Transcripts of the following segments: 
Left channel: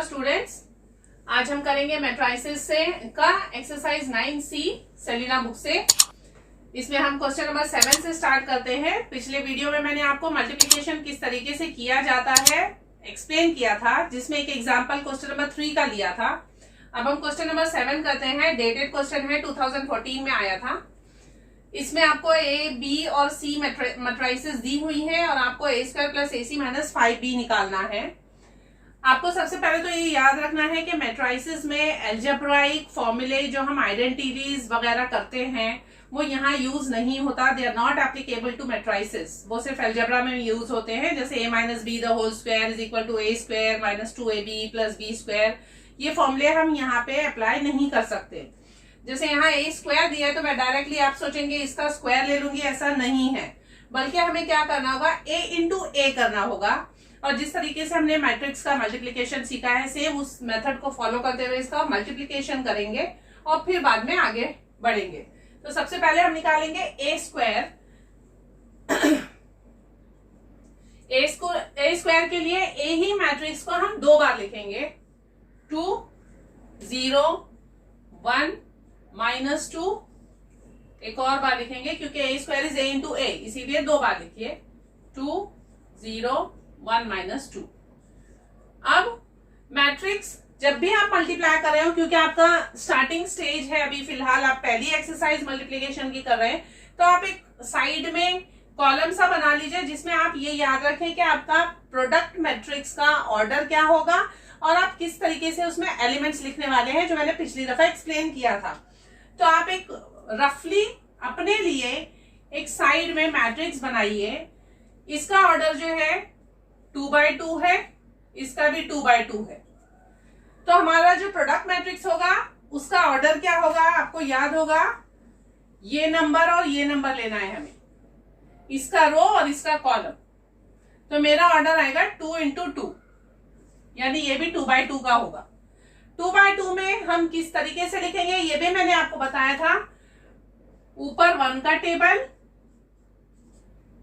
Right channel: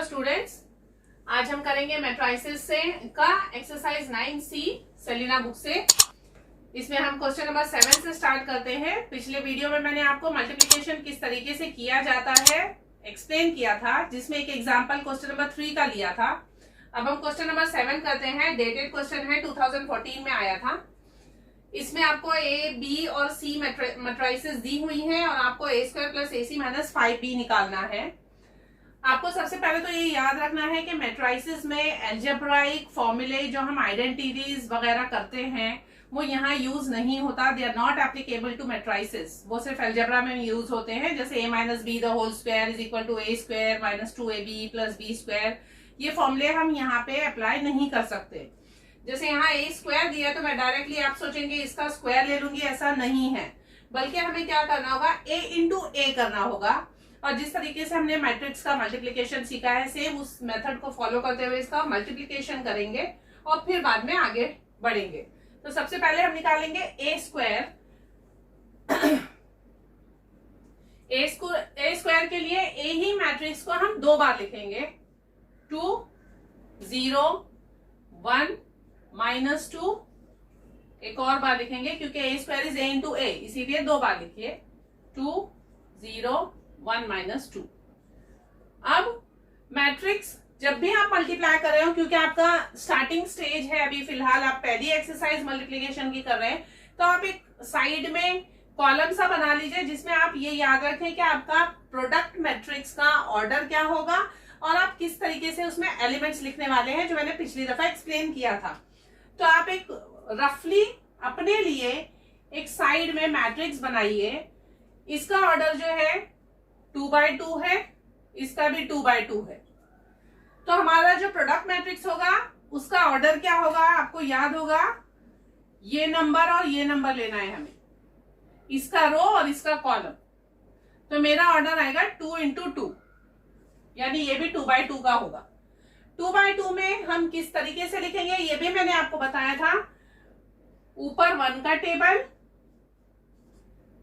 Hello students, आज हम करेंगे मैट्राइसेस से का एक्सरसाइज 9C सेलिना बुक से। इसमें हम क्वेश्चन नंबर 7 से स्टार्ट करते हैं। पिछले वीडियो में मैंने आपको मल्टीप्लिकेशन किस तरीके से किया जाता है एक्सप्लेन किया था, जिसमें एक एग्जांपल क्वेश्चन नंबर 3 का लिया था। अब हम क्वेश्चन नंबर 7 करते हैं। डेटेड क्वेश्चन है, 2014 में आया था। इसमें आपको ए, बी और सी मैट्राइसेस दी हुई है और आपको A square plus AC minus 5B निकालना है। आपको सबसे पहले तो ये याद रखना है कि मैट्राइसेस में एल्जेब्राइक फॉर्मूले जो हम आइडेंटिटीज वगैरह करते हैं वो यहाँ यूज नहीं होता। They are not applicable to matrices. वो सिर्फ एल्जेब्रा में यूज होते हैं, जैसे a minus B the whole square is equal to a square minus 2ab plus b square. ये फॉर्मूले हम यहाँ पे अप्लाई नहीं कर सकते। जैसे यहाँ a स्क्वायर दिया तो मैं डायरेक्टली आप सोचेंगे इसका स्क्वायर ले लूंगी, ऐसा नहीं है। बल्कि हमें क्या करना होगा, a इंटू a करना होगा। और जिस तरीके से हमने मैट्रिक्स का मल्टीप्लिकेशन सीखा है, सेम उस मेथड को फॉलो करते हुए इसका मल्टीप्लिकेशन करेंगे और फिर बाद में आगे बढ़ेंगे। तो सबसे पहले हम निकालेंगे ए स्क्वायर। ए स्क्वायर के लिए ए ही मैट्रिक्स को हम 2 बार लिखेंगे, 2 0 1 माइनस 2। एक और बार लिखेंगे क्योंकि ए स्क्वायर इज ए इंटू ए, इसीलिए 2 बार लिखिए, 2 0 1 माइनस 2। अब मैट्रिक्स जब भी आप मल्टीप्लाई कर रहे हो, क्योंकि आपका स्टार्टिंग स्टेज है, अभी फिलहाल आप पहली एक्सरसाइज मल्टीप्लिकेशन की कर रहे हैं, तो आप एक साइड में कॉलम सा बना लीजिए जिसमें आप ये याद रखें कि आपका प्रोडक्ट मैट्रिक्स का ऑर्डर क्या होगा और आप किस तरीके से उसमें एलिमेंट्स लिखने वाले हैं, जो मैंने पिछली दफा एक्सप्लेन किया था। तो आप एक रफली अपने लिए एक साइड में मैट्रिक्स बनाइए। इसका ऑर्डर जो है 2/2 है, इसका भी 2/2 है। तो हमारा जो प्रोडक्ट मैट्रिक्स होगा उसका ऑर्डर क्या होगा, आपको याद होगा, ये नंबर और ये नंबर लेना है हमें, इसका रो और इसका कॉलम। तो मेरा ऑर्डर आएगा 2 इंटू 2, यानी ये भी 2/2 का होगा। 2/2 में हम किस तरीके से लिखेंगे ये भी मैंने आपको बताया था। ऊपर 1 का टेबल,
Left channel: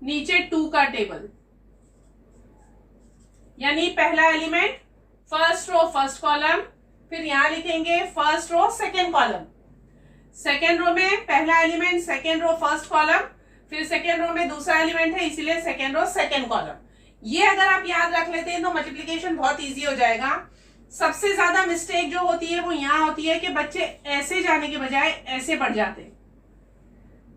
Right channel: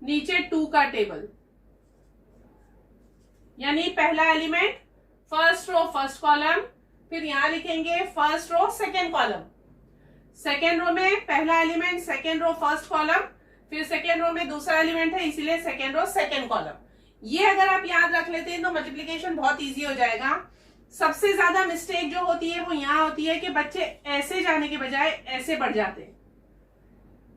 नीचे 2 का टेबल, यानी पहला element first row first column, फिर यहां लिखेंगे first row second column. Second row में पहला element second row first column, फिर सेकेंड रो में दूसरा एलिमेंट है, इसीलिए सेकेंड रो सेकेंड कॉलम। ये अगर आप याद रख लेते हैं तो मल्टीप्लिकेशन बहुत इजी हो जाएगा। सबसे ज्यादा मिस्टेक जो होती है वो यहाँ होती है कि बच्चे ऐसे जाने के बजाय ऐसे बढ़ जाते हैं,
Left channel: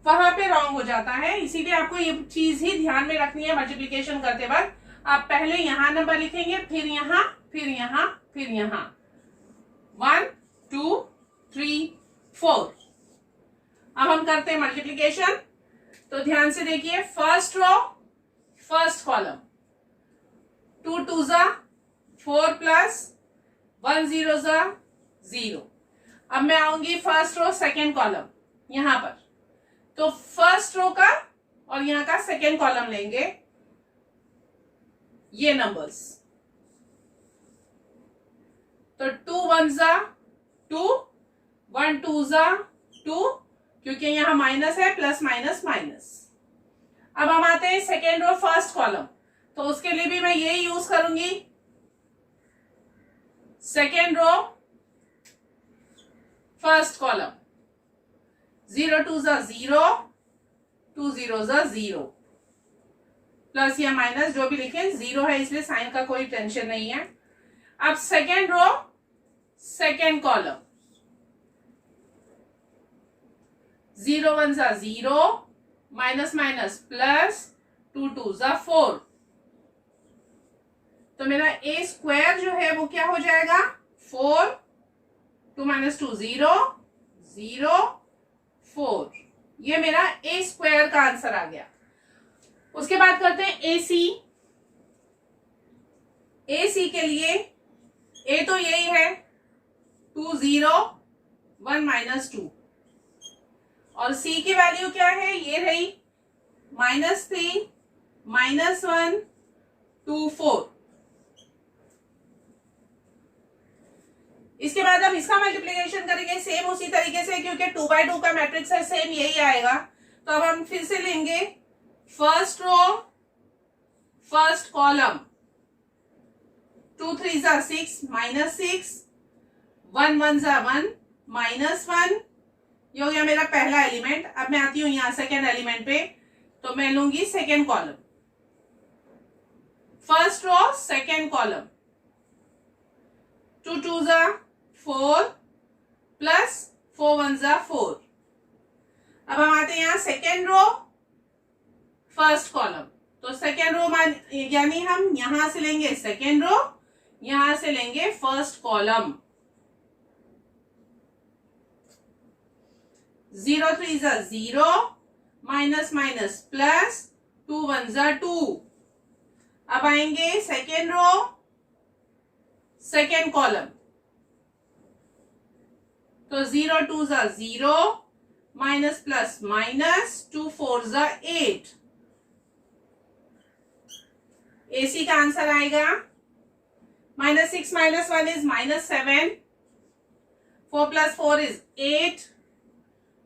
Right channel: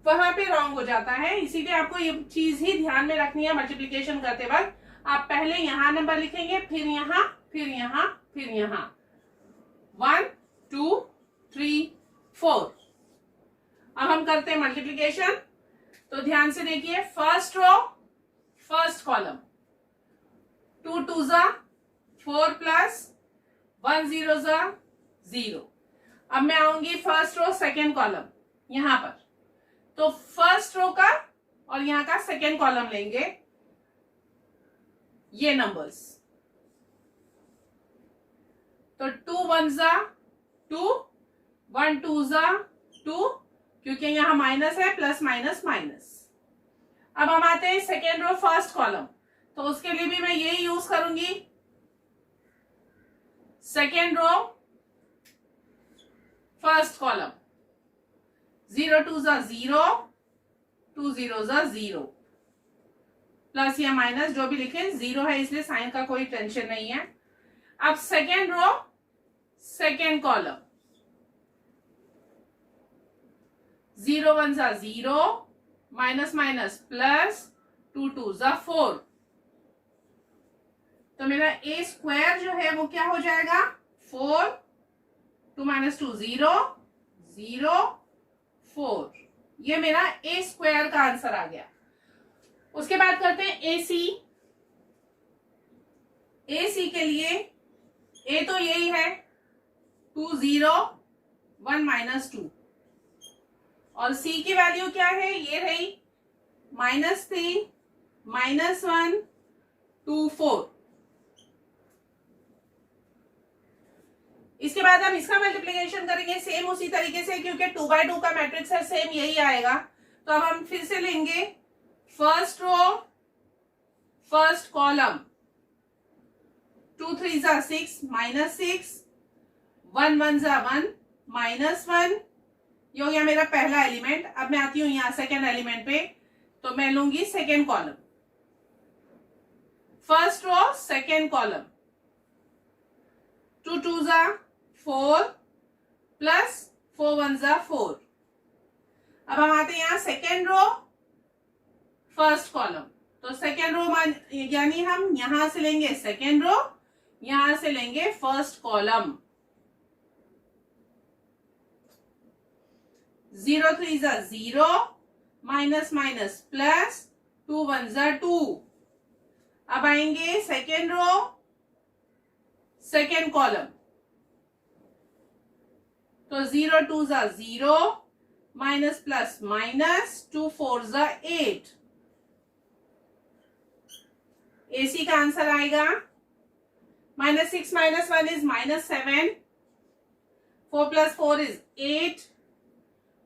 वहां पे रॉन्ग हो जाता है। इसीलिए आपको ये चीज ही ध्यान में रखनी है मल्टीप्लिकेशन करते वक्त। आप पहले यहां नंबर लिखेंगे, फिर यहां, फिर यहां, फिर यहां, 1 2 3 4। अब हम करते हैं मल्टीप्लिकेशन। तो ध्यान से देखिए, फर्स्ट रो फर्स्ट कॉलम, 2 2 जा 4 प्लस 1 0 जा 0। अब मैं आऊंगी फर्स्ट रो सेकेंड कॉलम यहां पर, तो फर्स्ट रो का और यहां का सेकेंड कॉलम लेंगे, ये नंबर्स। तो 2 1 जा 2, 1 2 जा 2, क्योंकि यहां माइनस है, प्लस माइनस माइनस। अब हम आते हैं सेकेंड रो फर्स्ट कॉलम, तो उसके लिए भी मैं यही यूज करूंगी। सेकेंड रो फर्स्ट कॉलम, 0 2 जा 0, 2 0 जा 0, प्लस या माइनस जो भी लिखें, 0 है इसलिए साइन का कोई टेंशन नहीं है। अब सेकेंड रो सेकेंड कॉलम, 0 1 जा 0, माइनस माइनस प्लस, 2 2 जा 4। तो मेरा ए स्क्वायर जो है वो क्या हो जाएगा, 4 2 माइनस 2 0 0 4। ये मेरा ए स्क्वायर का आंसर आ गया। उसके बाद करते हैं AC। AC के लिए A तो यही है, 2 0 1 माइनस 2, और C की वैल्यू क्या है, ये रही -3 -1 2 4। इसके बाद हम इसका मल्टीप्लिकेशन करेंगे सेम उसी तरीके से, क्योंकि 2/2 का मैट्रिक्स है, सेम यही आएगा। तो अब हम फिर से लेंगे फर्स्ट रो फर्स्ट कॉलम, 2 3 जा 6 माइनस 6, 1 1 जा 1 माइनस 1। ये हो गया मेरा पहला एलिमेंट। अब मैं आती हूं यहाँ सेकेंड एलिमेंट पे, तो मैं लूंगी second column, first row second column. 2 2 जा 4 प्लस 4 1 जा 4। अब हम आते हैं यहाँ सेकेंड रो फर्स्ट कॉलम, तो सेकेंड रो यानी हम यहां से लेंगे सेकेंड रो, यहां से लेंगे फर्स्ट कॉलम। 0 3 जा 0 माइनस माइनस प्लस, 2 1 जा 2। अब आएंगे सेकेंड रो सेकेंड कॉलम, तो 0 2 जा 0 माइनस प्लस माइनस, 2 4 जा 8। AC का आंसर आएगा -6 - 1 is -7, 4 + 4 is 8,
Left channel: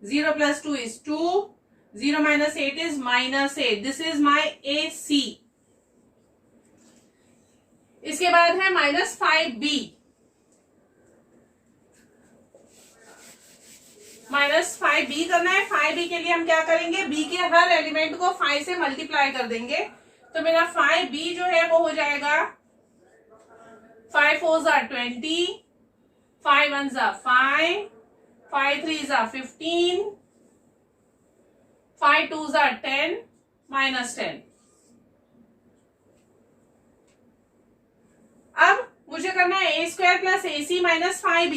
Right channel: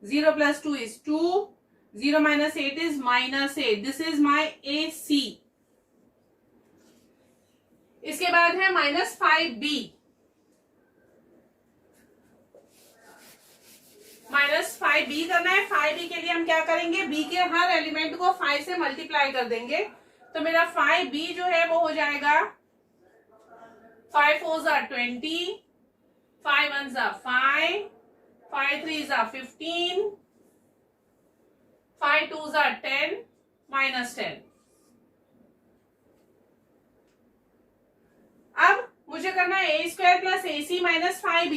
0 + 2 is 2, 0 - 8 is -8। This is my AC। इसके बाद है -5B। -5B करना है। 5B के लिए हम क्या करेंगे, B के हर एलिमेंट को 5 से मल्टीप्लाई कर देंगे, तो मेरा 5B जो है वो हो जाएगा 5 4 जा 20, 5 1 जा 5, 5 3 जा 15, 5 2 जा 10 -10। अब मुझे करना है A² + AC - 5B,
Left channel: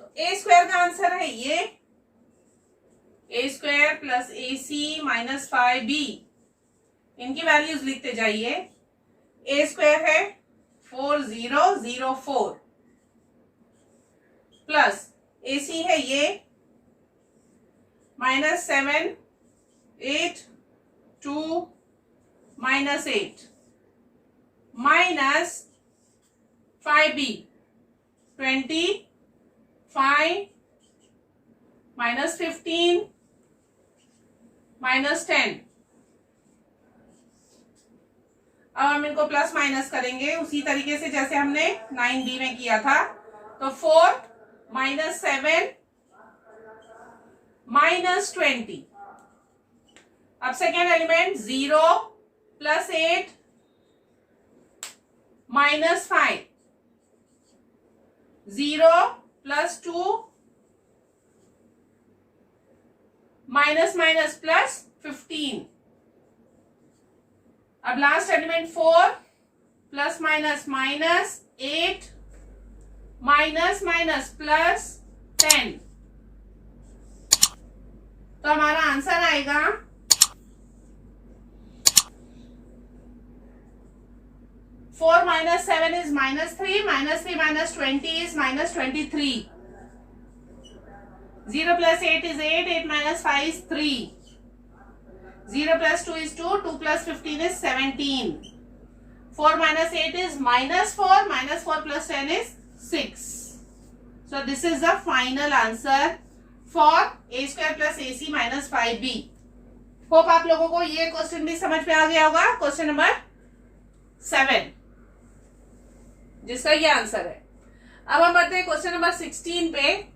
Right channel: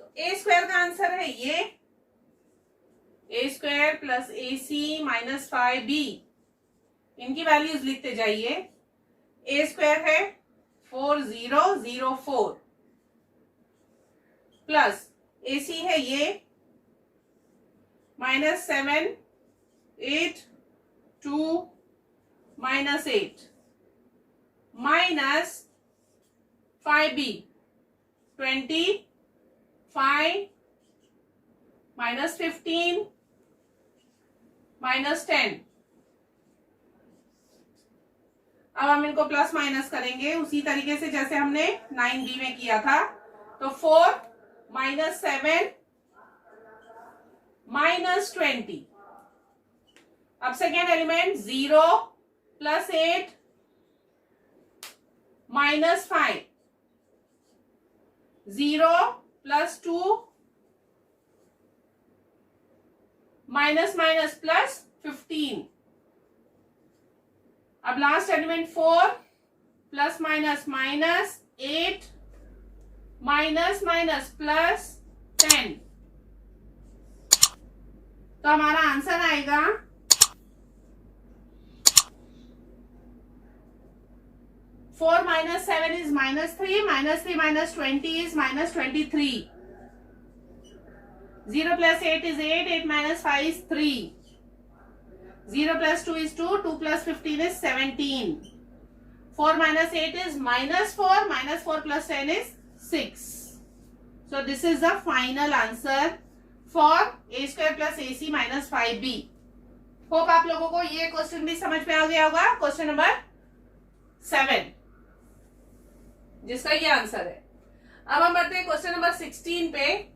तो A² का आंसर है ये, A² + AC - 5B। इनकी वैल्यूज लिखते जाइए। A² है 4004 प्लस AC है ये -7 8 2 -8 माइनस 5B 25 -15 -10। अब हम इनको प्लस माइनस करेंगे उसी तरीके से जैसे हमने 9B में किया था, तो 4 -7 -20। अब सेकेंड एलिमेंट 0 + 8 -5, 0 + 2 माइनस प्लस 15। अब लास्ट एलिमेंट 4 + -8 प्लस 10, तो हमारा आंसर आएगा 4 - 7 is -3, -3 - 20 is -23, 0 + 8 is 8, 8 - 5 is 3, 0 + 2 is 2, 2 + 15 is 17, 4 - 8 is -4, -4 + 10 is 6. So this is the final answer for A² + AC - 5B. Hope आप लोगों को ये क्वेश्चन भी समझ में आ गया होगा। क्वेश्चन नंबर 7 जिसका ये आंसर है। अब हम बढ़ते हैं क्वेश्चन नंबर 16 पे।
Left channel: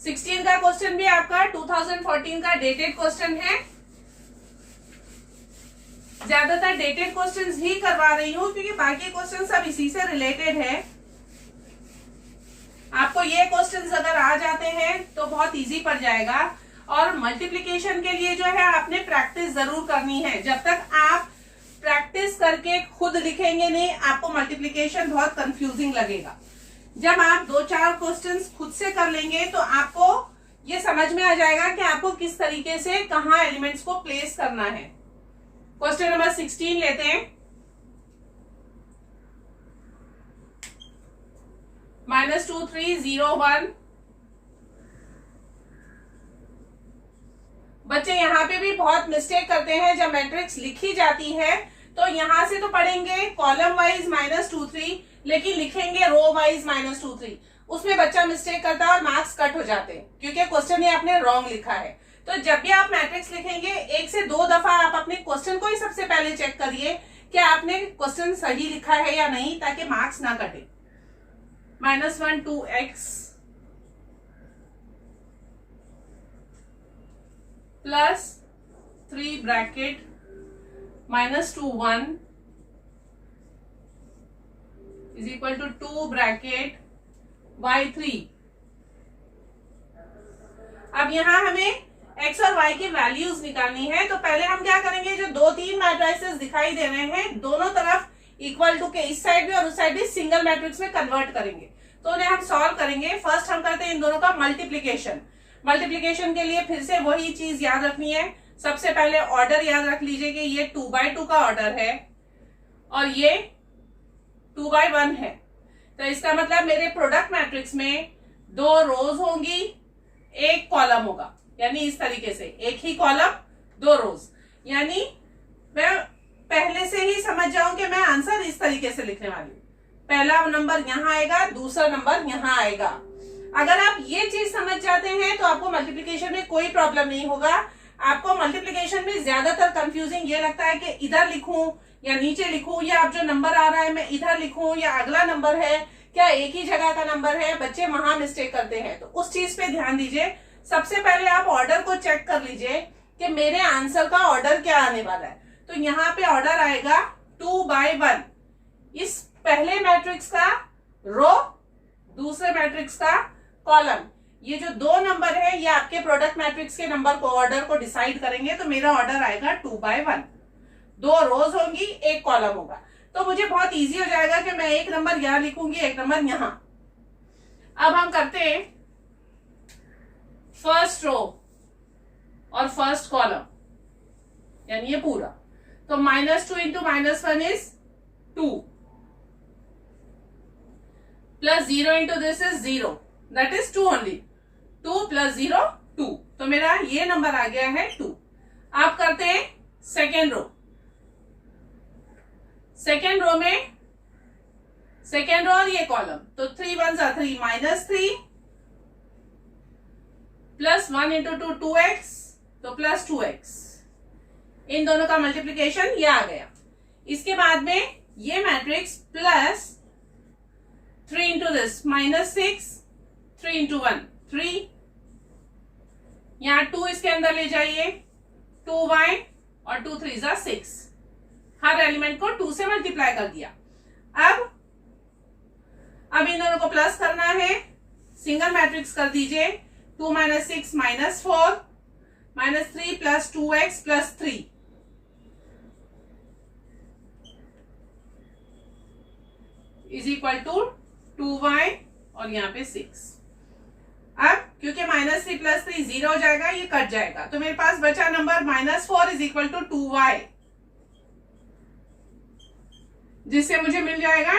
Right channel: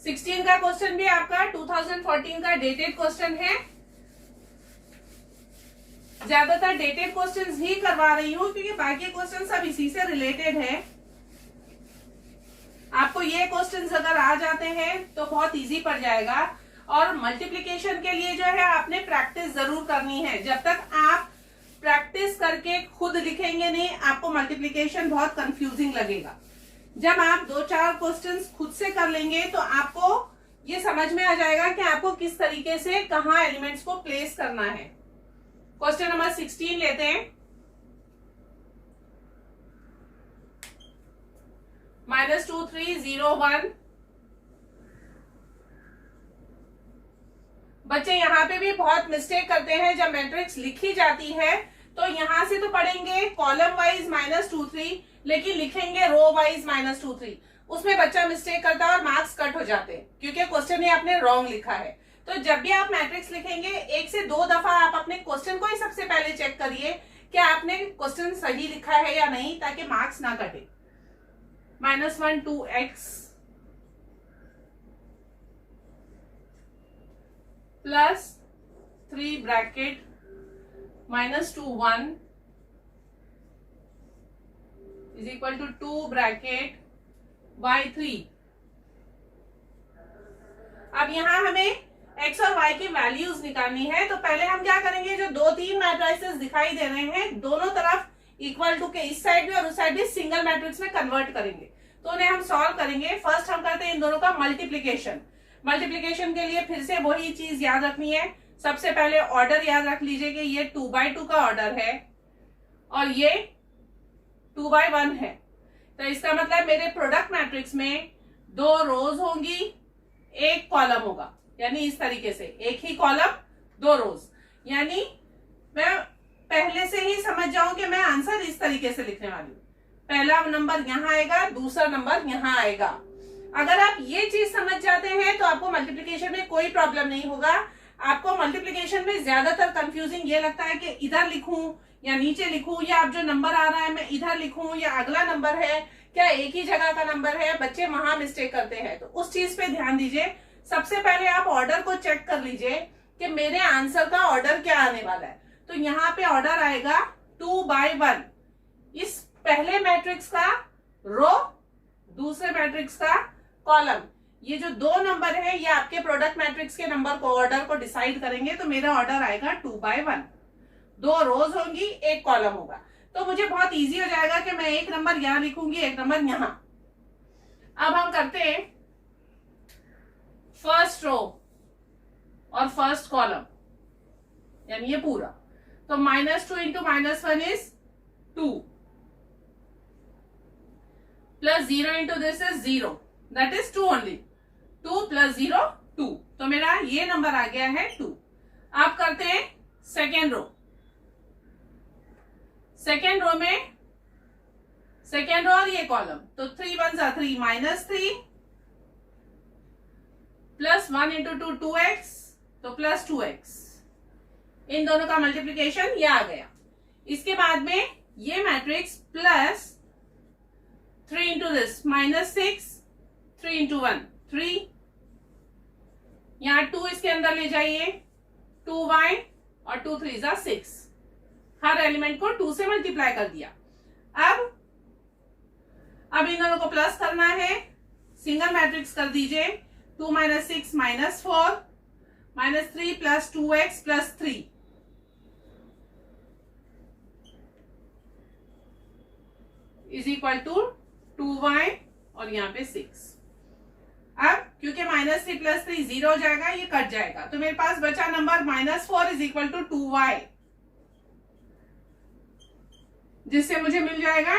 16 का क्वेश्चन भी आपका 2014 का डेटेड क्वेश्चन है। ज्यादातर डेटेड क्वेश्चंस ही करवा रही हूं क्योंकि बाकी क्वेश्चन सब इसी से रिलेटेड है। आपको ये क्वेश्चंस अगर आ जाते हैं तो बहुत इजी पड़ जाएगा। और मल्टीप्लिकेशन के लिए जो है आपने प्रैक्टिस जरूर करनी है। जब तक आप प्रैक्टिस करके खुद लिखेंगे नहीं, आपको मल्टीप्लिकेशन बहुत कंफ्यूजिंग लगेगा। जब आप 2-4 क्वेश्चंस खुद से कर लेंगे तो आपको ये समझ में आ जाएगा कि आपको किस तरीके से कहाँ एलिमेंट्स को प्लेस करना है। क्वेश्चन नंबर 16 लेते हैं। -2 3 0 1। बच्चे यहाँ पे भी बहुत मिस्टेक करते हैं। जब मैट्रिक्स लिखी जाती है तो यहां से तो पढ़ेंगे कॉलम वाइज -2 3, लेकिन लिखेंगे रो वाइज -2 3। उसमें बच्चा मिस्टेक करता है और मार्क्स कट हो जाते हैं क्योंकि क्वेश्चन ने आपने रॉन्ग लिखा है। तो जब भी आप मैट्रिक्स लिखेंगे 1 से 2 दफा आप अपने क्वेश्चन को ही सबसे पहले चेक करिए क्या आपने क्वेश्चन सही लिखा है या नहीं, ताकि मार्क्स ना कटे। -1 2x plus 3 bracket -2 1 is equal to 2 bracket y3। अब यहां हमें x और y की वैल्यूज निकालनी है, तो पहले हम क्या करेंगे, जो 2-3 मैट्रिसेस दिखाई दे रहे हैं दोनों तरफ इक्वल टू के इस साइड भी और उस साइड भी सिंगल मैट्रिक्स में कन्वर्ट करेंगे। तो उन्हें हम सॉल्व करेंगे। फर्स्ट हम करते हैं इन दोनों का मल्टीप्लीकेशन। मल्टीप्लीकेशन के लिए फिर से वही चीज याद रखनी है। सबसे पहले ऑर्डर याद रख लीजिए कि ये 2x2 का ऑर्डर है और ये 2x1 है। तो इसका मतलब मेरे प्रोडक्ट मैट्रिक्स में 2 रोज होंगी, 1 कॉलम होगा, यानी इस तरीके से 1 ही कॉलम 2 रोज। यानी मैं पहले से ही समझ जाऊं कि मैं आंसर इस तरीके से लिखने वाली हूं। पहला नंबर यहां आएगा, दूसरा नंबर यहां आएगा। अगर आप ये चीज समझ जाते हैं तो आपको मल्टीप्लिकेशन में कोई प्रॉब्लम नहीं होगा। आपको मल्टीप्लिकेशन में ज्यादातर कंफ्यूजिंग ये लगता है कि इधर लिखूं या नीचे लिखूं, या अब जो नंबर आ रहा है मैं इधर लिखूं या अगला नंबर है, क्या एक ही जगह का नंबर है। बच्चे वहां मिस्टेक करते हैं, तो उस चीज पे ध्यान दीजिए। सबसे पहले आप ऑर्डर को चेक कर लीजिए कि मेरे आंसर का ऑर्डर क्या आने वाला है। तो यहाँ पे ऑर्डर आएगा 2x1। इस पहले मैट्रिक्स का रो, दूसरे मैट्रिक्स का कॉलम। ये जो 2 नंबर है ये आपके प्रोडक्ट मैट्रिक्स के नंबर को, ऑर्डर को डिसाइड करेंगे। तो मेरा ऑर्डर आएगा 2x1। 2 रोज होंगी, 1 कॉलम होगा। तो मुझे बहुत इजी हो जाएगा कि मैं एक नंबर यहां लिखूंगी, एक नंबर यहां। अब हम करते हैं फर्स्ट रो और फर्स्ट कॉलम, यानी ये पूरा। तो -2 into -1 is 2 plus 0 into this is 0, that is 2 only. 2 plus 0 2। तो मेरा ये नंबर आ गया है 2। आप करते हैं सेकेंड रो। सेकेंड रो में सेकेंड रो और ये कॉलम, तो 3 1 3 -3 प्लस 1 इंटू 2 2x, तो प्लस 2x। इन दोनों का मल्टीप्लीकेशन ये आ गया। इसके बाद में ये matrix plus 3 into this -6, 3 into 1 3, यहां 2 इसके अंदर ले जाइए, 2y और 2 3 जा 6। हर एलिमेंट को 2 से मल्टीप्लाई कर दिया। अब इन दोनों को प्लस करना है, सिंगल मैट्रिक्स कर दीजिए। 2 - 6 -4 -3 plus 2x plus 3 is equal to 2y और यहाँ पे 6। अब क्योंकि -3 प्लस 3 0 हो जाएगा, ये कट जाएगा, तो मेरे पास बचा number -4 is equal to 2y, जिससे मुझे मिल जाएगा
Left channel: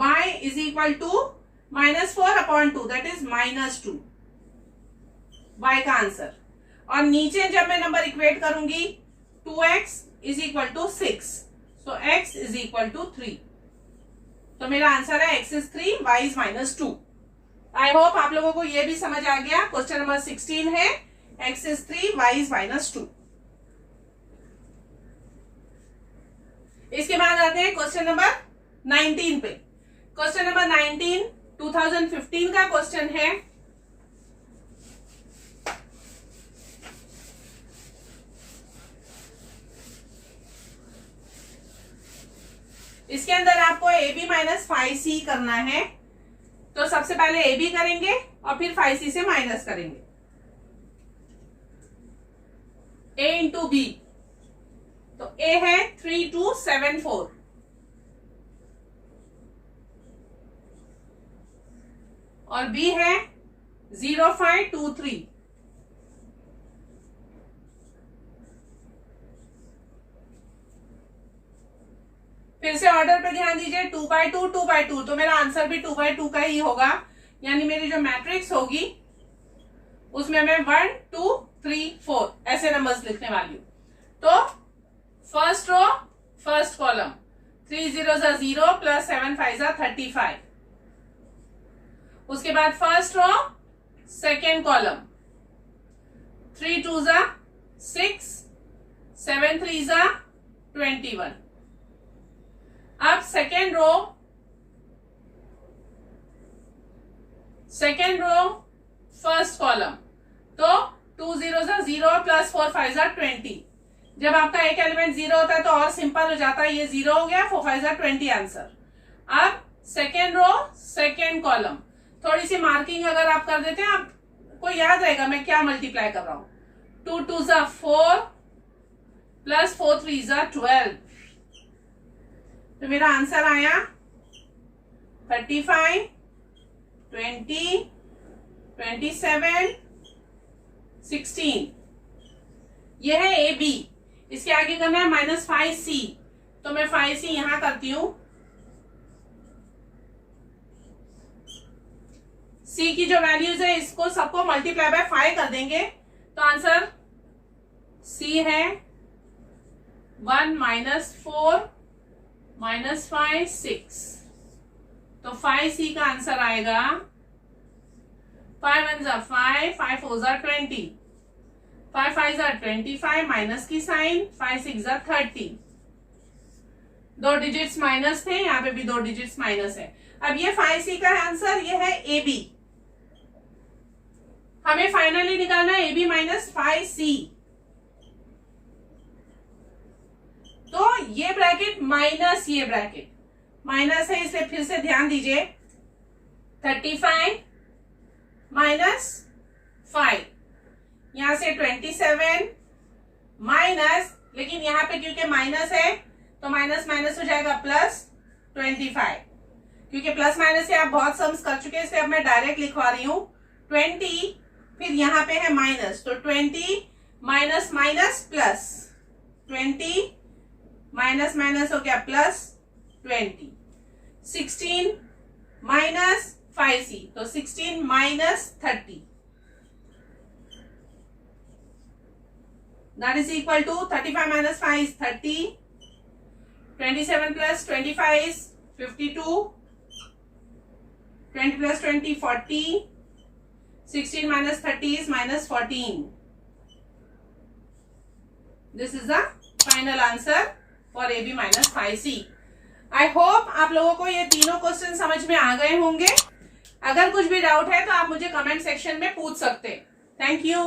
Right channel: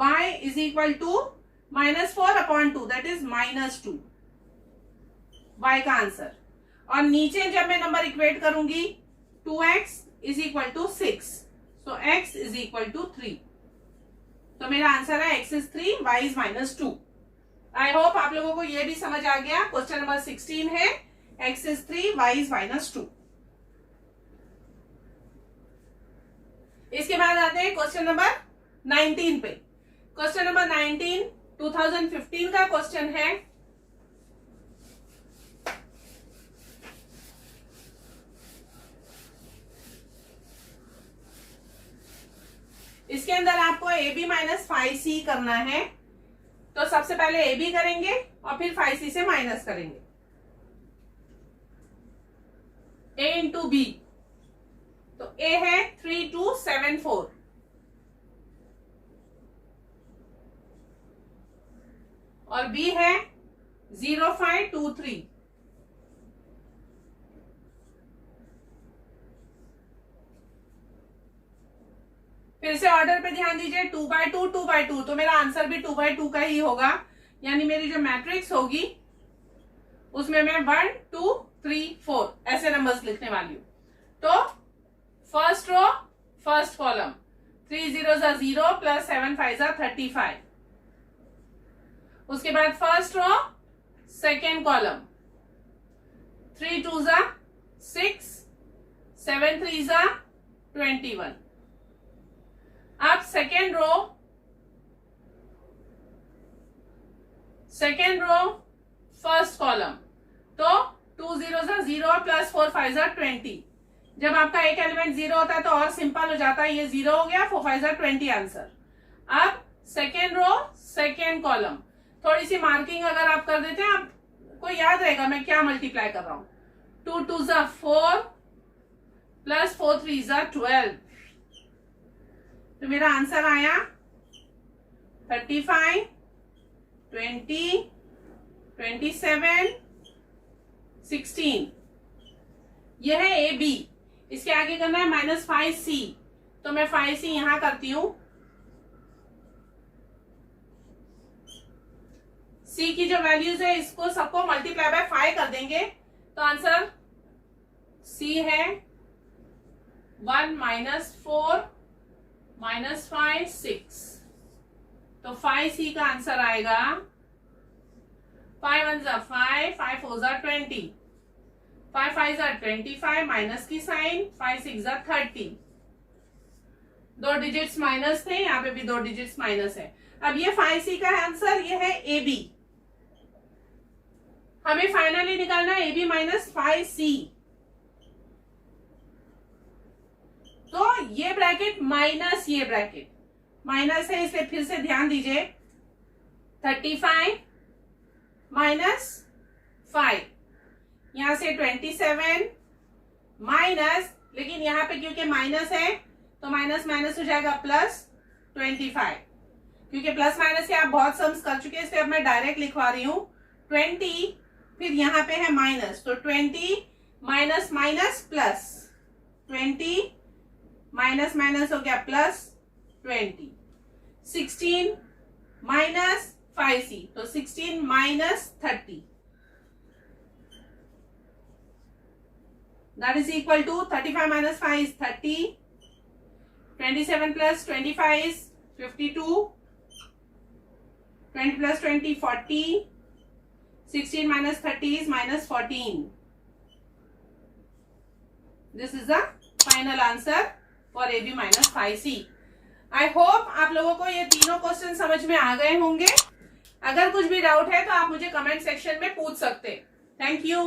y is equal to -4/2, that is -2, y का आंसर। और नीचे जब मैं नंबर इक्वेट करूंगी 2x is equal to 6, so x is equal to 3। तो मेरा आंसर है x is 3, y is -2। I hope आप लोगों को ये भी समझ आ गया। क्वेश्चन नंबर 16 है x इज 3, y इज -2। इसके बाद आते हैं क्वेश्चन नंबर 19 पे। क्वेश्चन नंबर 19 2015 का क्वेश्चन है। इसके अंदर आपको AB - 5C करना है। तो सबसे पहले AB करेंगे और फिर 5C से माइनस करेंगे। A इंटू B, तो A है 3274 और B है 0523। फिर से ऑर्डर पे ध्यान दीजिए, 2/2 2/2, तो मेरा आंसर भी 2/2 का ही होगा। यानी मेरी जो मैट्रिक्स होगी उसमें मैं 1 2 3 4 ऐसे नंबर्स लिखने वाली हूं। तो फर्स्ट रो फर्स्ट कॉलम, 3 0 जा 0 प्लस 7 5 जा 35। उसके बाद फर्स्ट रो सेकेंड कॉलम, 3 2 जा 6 7 3 जा 21। अब सेकेंड रो फर्स्ट कॉलम, तो 2 0 जा 0 प्लस 4 5 जा 20। जब आपका एक एलिमेंट 0 होता है तो और सिंपल हो जाता है, ये 0 हो गया, 4 5 जा 20 आंसर। अब सेकेंड रो सेकेंड कॉलम, थोड़ी सी मार्किंग अगर आप कर देते हैं, आपको याद रहेगा मैं क्या मल्टीप्लाई कर रहा हूं। 2 2 जा 4 प्लस 4 3 जा 12, तो मेरा आंसर आया 35 20 27 16। ये है ए बी। इसके आगे करना है -5C, तो मैं 5C यहां करती हूं। C की जो वैल्यूज है इसको सबको मल्टीप्लाई बाय 5 कर देंगे, तो आंसर C है 1 -4 -5 6। तो 5C का आंसर आएगा 5 1 जा 5 5 4 जा 20 5 5 जा 25 माइनस की साइन 5 6 जा 30। 2 डिजिट्स माइनस थे, यहाँ पे भी 2 डिजिट्स माइनस है। अब ये 5C का आंसर, ये है ए बी। हमें फाइनली निकालना है ए बी माइनस 5C। तो ये ब्रैकेट माइनस ये ब्रैकेट माइनस है, इसलिए फिर से ध्यान दीजिए। 35 माइनस 5, यहां से 27 माइनस, लेकिन यहां पे क्योंकि माइनस है तो माइनस माइनस हो जाएगा प्लस 25। क्योंकि प्लस माइनस से आप बहुत सम्स कर चुके हैं, इसलिए अब मैं डायरेक्ट लिखवा रही हूं 20, फिर यहां पे है माइनस, तो 20 minus minus plus 20 minus minus हो गया प्लस 20। 16 माइनस 5C, तो 16 minus 30, that is equal to 35 minus 5 is 30, 27 plus 25 is 52, 20 plus 20 40, 16 minus 30 is minus 14. This is the final answer for AB minus 5C. I hope आप लोगों को ये तीनों question समझ में आ गए होंगे। अगर कुछ भी डाउट है तो आप मुझे कमेंट सेक्शन में पूछ सकते हैं। Thank you.